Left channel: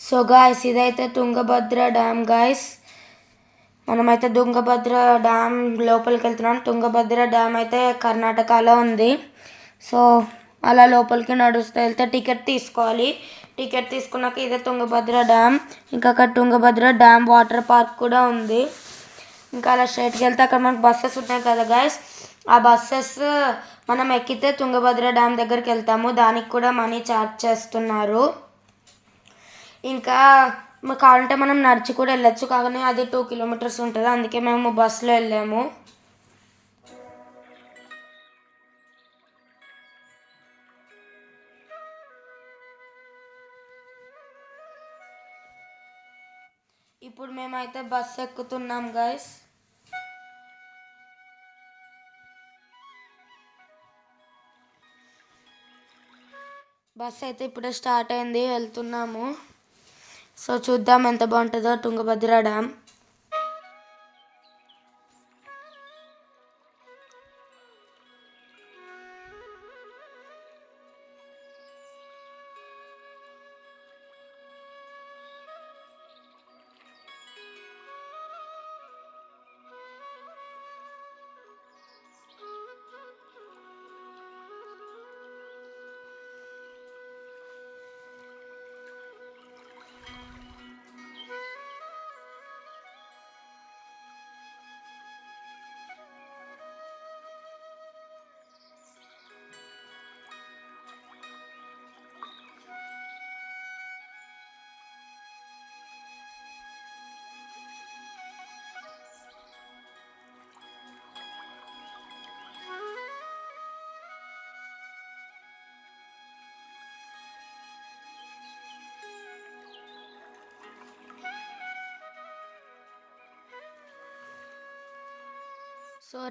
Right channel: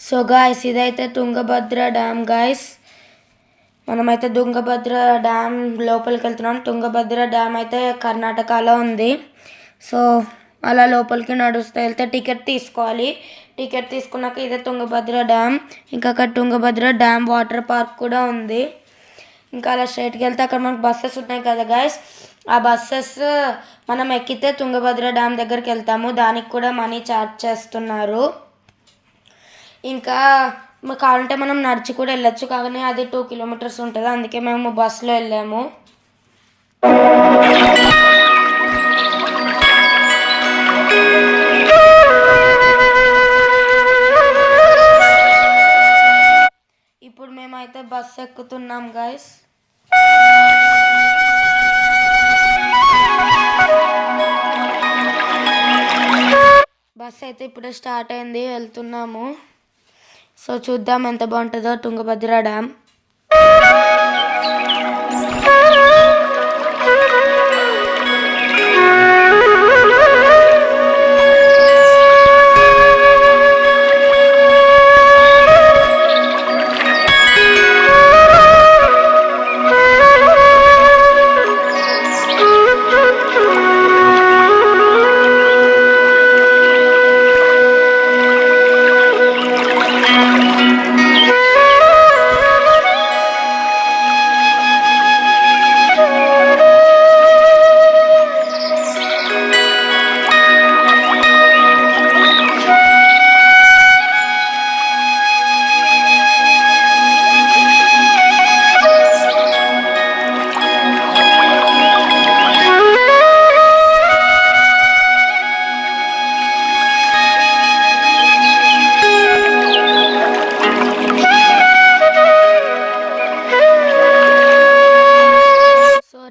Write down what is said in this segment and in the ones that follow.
So guys ఇదైతే Tungabhadra dam guys. మనమైతే Tungabhadra dam లోపలికి వెళ్తున్నాం. తుంగభద్ర డ్యామ్ అయితే కర్ణాటకలో ఉంది. సో అలా లోపలికి నడుస్తూ వెళ్తే టికెట్ తీసుకోవాలి. టికెట్ తీసుకున్నాక ఇదే తుంగభద్ర డ్యామ్. ఇంకా అక్కడ తుంగభద్ర డ్యామ్ వాటర్ పార్క్ కూడా ఉంది. ఇంకా అలా స్ట్రైట్కి వెళ్తే అక్కడ మనకు బస్సెస్ ఉన్నాయి కదా గాయస్. ఆ బస్సెస్ మనం ఎక్కితే తుంగభద్ర డ్యామ్ దగ్గరికి వెళ్తాము. దానికి కూడా మనీ ఛార్జ్ చేస్తున్నారు. ఇంకా కావాలంటే మనం నడిచి కూడా వెళ్ళొచ్చు, కానీ అది 2 కిలోమీటర్స్ ఉంటుంది. అందుకే మేము బస్సులో వెళ్ళాము. ఇప్పుడు మేమైతే బస్సు ఎక్కుతున్నాం గైస్. బస్ అయితే ఇప్పుడే స్టార్ట్ అయింది, వెళ్తున్నాము. సో చూద్దాం ఎంత బాగుంటుందో తుంగభద్ర డ్యామ్.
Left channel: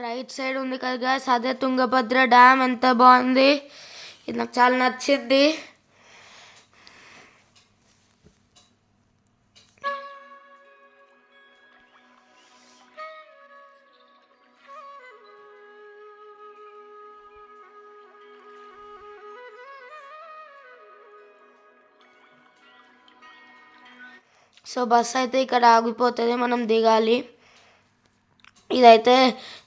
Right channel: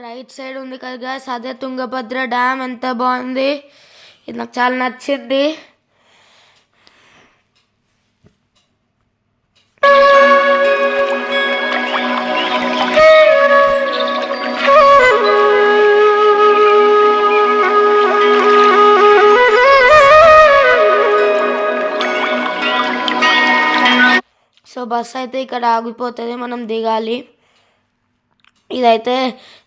రైట్ సైడ్ ఉంది కదా గాయస్, అదే తుంగభద్ర డ్యామ్. ఎంత బాగుంది, ఇది నాకు చాలా నచ్చింది. సో బస్ అయితే ఇక్కడ ఆగిపోతుంది, మనం దిగాలి. ఇదైతే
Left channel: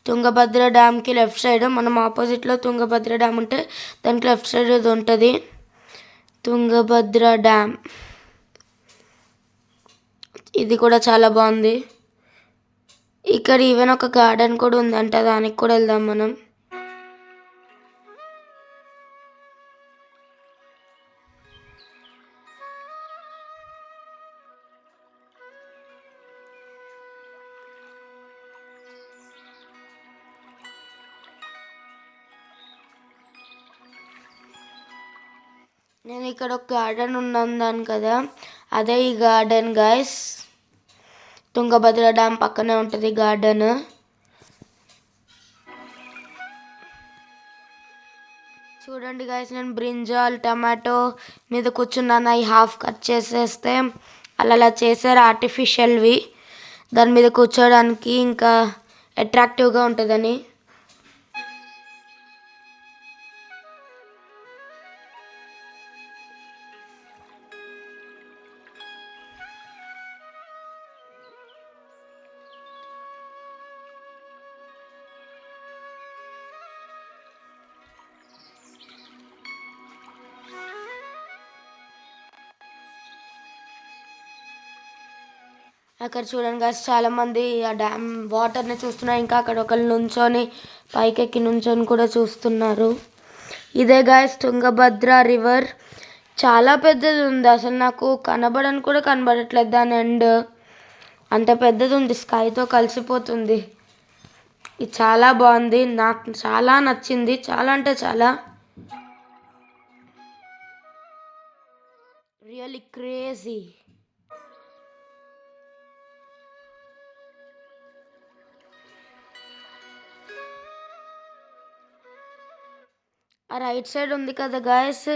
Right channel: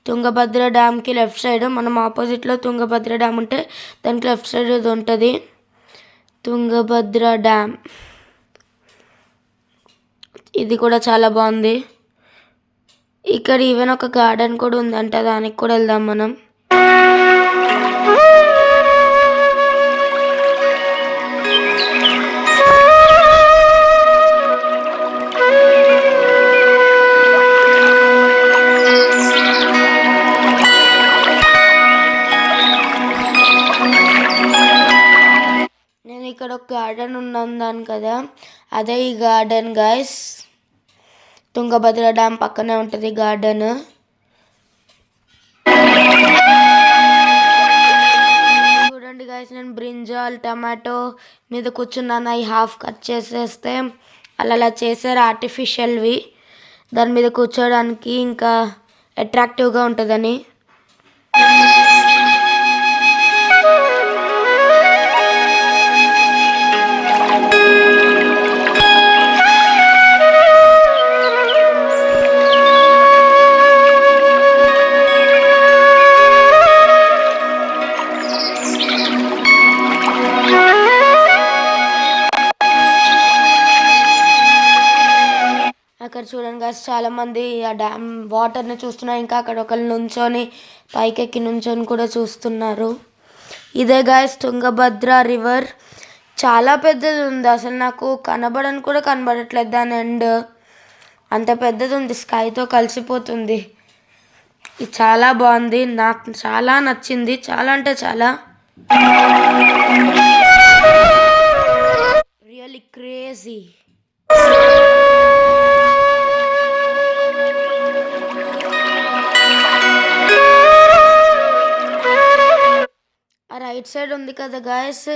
తుంగభద్ర డ్యామ్కి లెఫ్ట్ సైడ్. మనం ఆపోజిట్లో తుంగభద్ర డ్యామ్ ఉంటే దానికి లెఫ్ట్ సైడ్ ఇది ఉంటుంది తుంగభద్ర డ్యామ్. ఇది కూడా చాలా బాగుంది. ఇక్కడ ఈవెన్ ఒక గార్డెన్ కూడా ఉందంట, దానికి కూడా వెళ్దాం మనం. ఇక్కడ ఒక గార్డెన్ ఉన్నదాను కదా, అదే ఈ గార్డెన్ గైస్. తుంగభద్ర డ్యామ్ పక్కనే ఉంటుంది గార్డెన్. చూడండి గైస్, నేను బ్రింజాల్ టమాటో మీద కూర్చున్నాను. అవి హాఫ్ కట్ చేసేస్తే అలా చేశారు ఆర్టిఫిషియల్వి, దాని మీద కూర్చోడానికి ఇంకా అట్రాక్టివ్గా ఉంటుందని. అక్కడ చూడండి గాయస్, చాలా మంది ఆ డ్యామ్ వాటర్ని చూస్తున్నారు. ఇంకా అక్కడ ఒకళ్ళు నుంచొని పైకెక్కి నుంచొని కూడా చూస్తున్నారు. ఇదే గాయస్ తుంగభద్ర రివర్. చాలా పెద్దది ఉంది, అసలు నాకు కనబడని కూడా కనబడట్లేదు దాని ఎండ్. అంత పెద్దది ఉంది, స్కైతో కలిసిపోతుంది. ఇది చాలా బాగుంది, నాకు చాలా నచ్చింది. చాలా అంటే చాలా, రియల్లీ క్రేజీ. రైట్ సైడ్ ఉంది కదా గాయస్,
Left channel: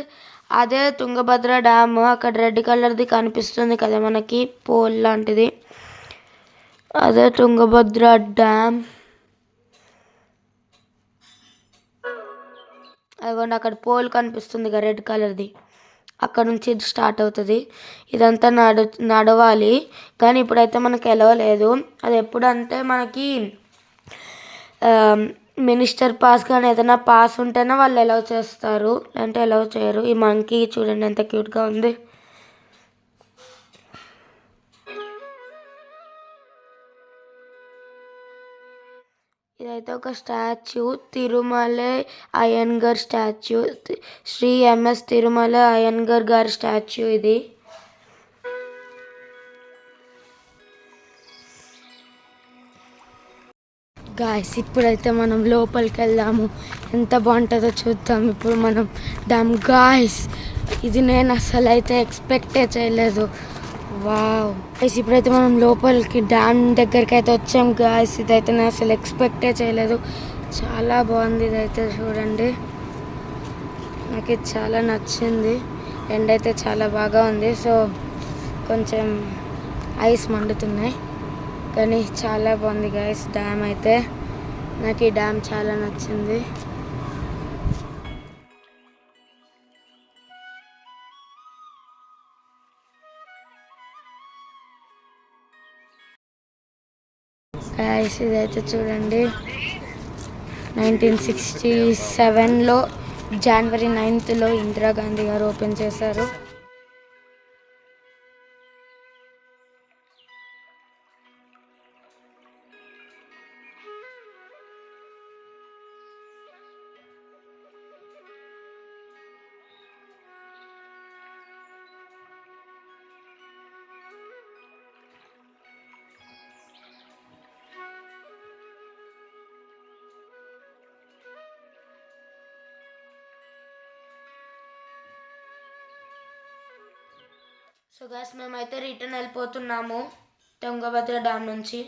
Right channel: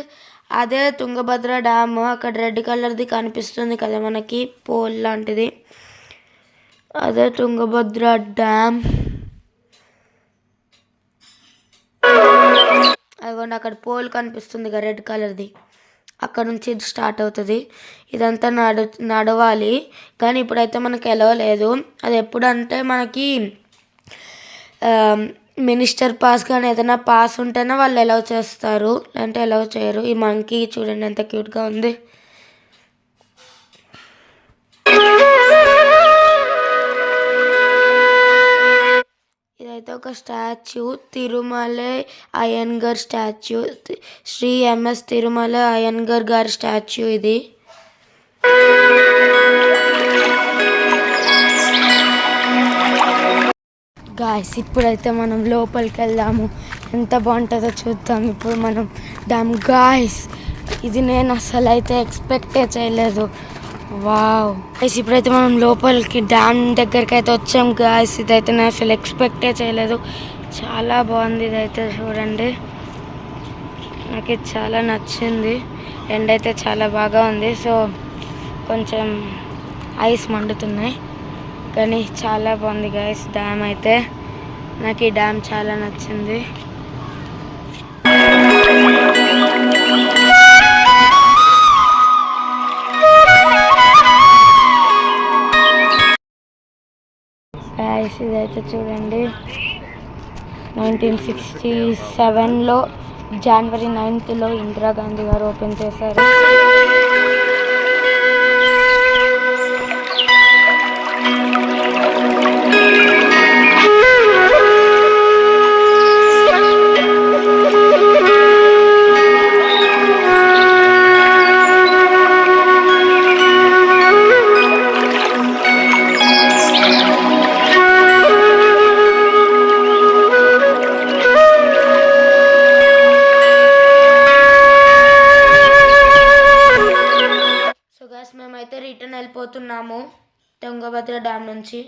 అదే తుంగభద్ర డ్యామ్. అక్కడ రెడ్ కలర్ది కనిపిస్తుంది కదా మనకి, పోల్ లాంటిది. అదే తుంగభద్ర డ్యామ్. అదిగోండి అక్కడ పోల్ కనిపిస్తుంది కదా రెడ్ కలర్ది, అక్కడ నుంచి స్టార్ట్ అవుతుంది. ఇదంతా నడవాలి, కానీ ఇప్పుడైతే మనకు ఎలవలేదు. అది ఎప్పుడంటే మనకి మినిస్టర్ పాస్ కానీ ఏదైనా పాస్ ఉంటేనే వాళ్ళు ఎలవ్ చేస్తారు, అంటే ఎలవ్ చేయరు. ఈ మంకీ చూడండి ఎంత క్యూట్గా ఉంది. ఇదైతే ఒక statue, Tirumala Iyengar statue, Sri MS Tirumala Iyengar గారి స్టాచ్యూ ఇది. గాయస్ ఇప్పుడైతే మనం లోపలికి వెళ్దాము, ఎంత బాగుంటుందో చూద్దాం. ఇప్పుడు మనం డ్యామ్ గాయస్, ఇది నేను అసలు అయితే ఎక్స్పెక్టే చేయలేదు. వావ్ గైస్, ఇప్పుడైతే మనం లోపలికి డ్యామ్ దగ్గరికి అయితే వచ్చాం గాయస్. ఇదైతే నేను అసలు ఎక్స్పెక్టే చేయలేదు, చాలా బాగుంది. ఇదైతే చూడండి, నాకు ఇది చాలా నచ్చింది. ఎండ అయితే చాలా బాగా ఉంది, సో కొంచెం ఐస్ మండుతున్నాయి, కానీ చాలా బాగుంది గాయస్ డ్యామ్ అయితే. నాకు ఈ డ్యామ్ చాలా నచ్చింది. గాయస్ ఇదైతే చూడండి, 1967లో జనవరి 9th ఇందిరాగాంధీ గారు ఓపెన్ చేశారు. మేమైతే రిటర్న్ వెళ్ళిపోతున్నాము తుంగభద్ర డ్యామ్ నుంచి.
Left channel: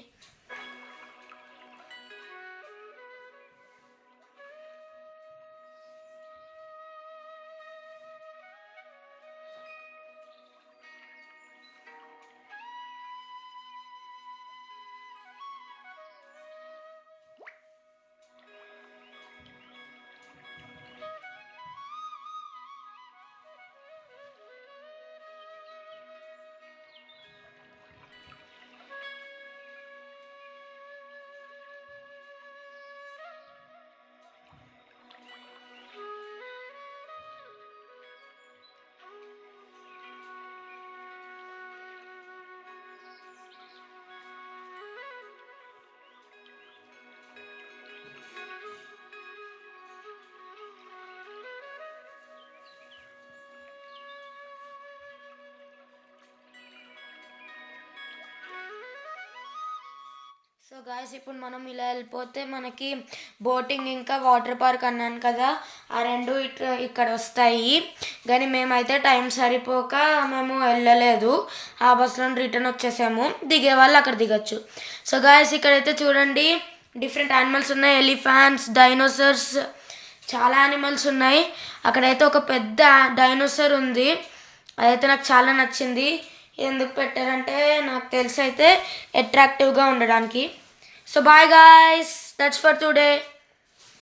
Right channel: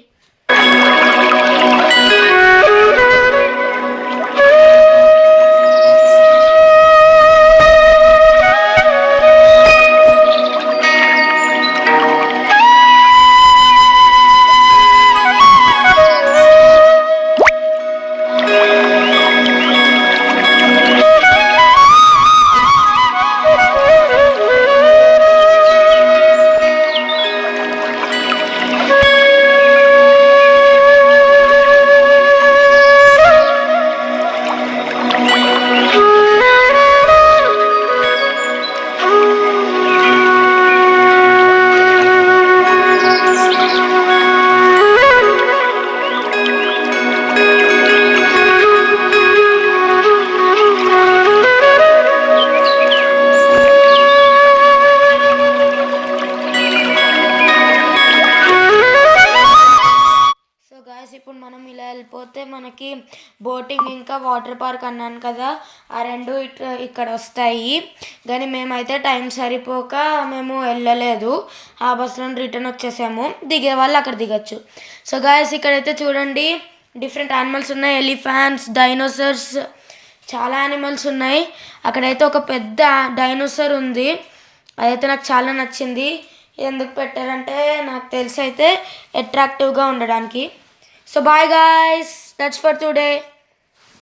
ఇప్పుడు మనం ఇలా వెళ్ళిపోతే మనకి బోటింగ్ ఇంకా వాటర్ పార్క్ అన్నాను కదా, ఆ రెండు ఇక్కడ వస్తాయి. కానీ మేమైతే టైం సరిపోక మేము వెళ్ళలేదు, ఆ బస్సులో రిటర్న్ వచ్చేసాము. దిగే వాళ్ళు అక్కడ దిగచ్చు. సో గాయస్ ఇక్కడైతే చూడండి, డిఫరెంట్ యానిమల్స్ ఉన్నాయి, ఎలిఫెంట్స్, డైనోసార్స్, చాలా యానిమల్స్ ఉన్నాయి. అక్కడైతే ఒక పెద్ద డైనోసార్ ఉంది, అదైతే నాకు చాలా నచ్చింది. ఎందుకు పెట్టారంటే నాకు తెలిసి అయితే అట్రాక్టివ్గా ఉండడానికి. So bye guys, that's for today.